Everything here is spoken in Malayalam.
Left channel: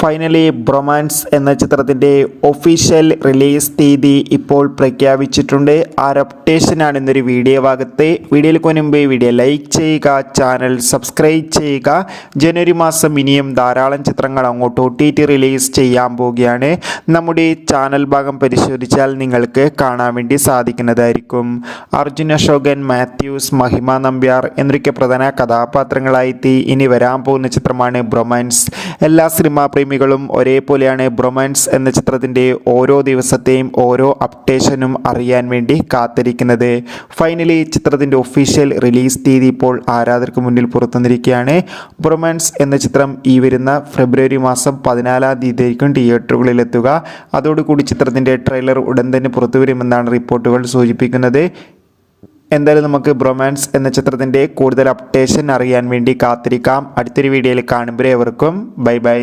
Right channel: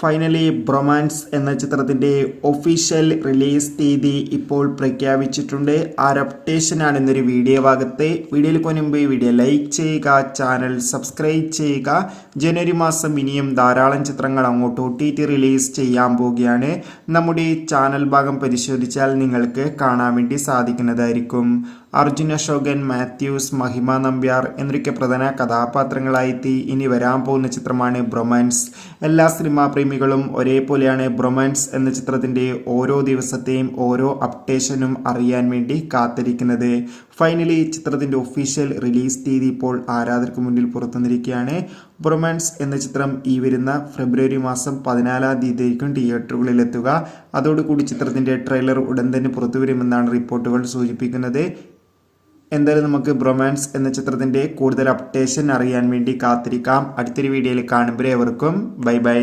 ഫൈനലി ബ്രൊമാൻസ് എന്ന ചിത്രത്തിൻ്റെ ഒഫീഷ്യൽ റിലീസ് തീയതി ഇപ്പോൾ പ്രഖ്യാപിച്ചിട്ടുണ്ട്. ആ അപ്ഡേഷനാണ് ഇന്നൊരു വീഡിയോ ഭാഗത്ത്. വീഡിയോയിൽ മുൻപ് വീഡിയോ ലൈക്ക് ചെയ്യുക, ചാനൽ സബ്സ്ക്രൈബ് ചെയ്യുക. ജനുവരി മാസം ഇനിയും ധാരാളം ചിത്രങ്ങൾ അങ്ങോട്ട് OTT റിലീസ് ചെയ്യാൻ പോവുകയാണ്. നമ്മുടെ ചാനൽ ഭാഗം പരിശോധിച്ചാൽ നിങ്ങൾക്ക് കാണാൻ വേണ്ടി സാധിക്കുന്നതായിരിക്കും. അർജുൻ അശോകൻ, മാത്യൂസ്, മഹിമ നമ്പ്യാർ എന്നൊക്കെ പ്രധാന കഥാപാത്രങ്ങളായി ഇനി വരാൻ പോകുന്ന ചിത്രമാണ് ബ്രൊമാൻസ്. എല്ലാ സിനിമാ പ്രേമികളും ഒരേപോലെയാണ് ബ്രൊമാൻസ് എന്ന ചിത്രത്തിൻ്റെ ഓരോ ദിവസത്തെയും ഓരോ അപ്ഡേഷനും അറിയാൻ വേണ്ടി കാത്തിരിക്കുന്നത്. ഫൈനലി ചിത്രത്തിൻ്റെ ഒഫീഷ്യൽ റിലീസ് തീയതി ഇപ്പോൾ ആരാധകർക്ക് മുന്നിൽ പുറത്തുവന്നിരിക്കുകയാണ്. ബ്രൊമാൻസ് എന്ന ചിത്രം ഈ വരുന്ന ഫെബ്രുവരി മാസം 14 തീയതിയായിരിക്കും തിയേറ്ററുകളിലെത്തുക. അതോടുകൂടി ചിത്രത്തിൻ്റെ ട്രെയിലർ ഉടൻ തന്നെ പുറത്തു വരുമെന്നാണ് റിപ്പോർട്ടുകൾ സൂചിപ്പിക്കുന്നത്. എന്തായാലും നമുക്ക് ബ്രൊമാൻസ് എന്ന ചിത്രത്തിൻ്റെ കൂടുതൽ അപ്ഡേഷൻ അറിയാൻ വേണ്ടി കാത്തിരിക്കാം. അടുത്തൊരു വീഡിയോയിൽ കാണുമ്പോൾ ഏവർക്കും ബൈ ബൈ.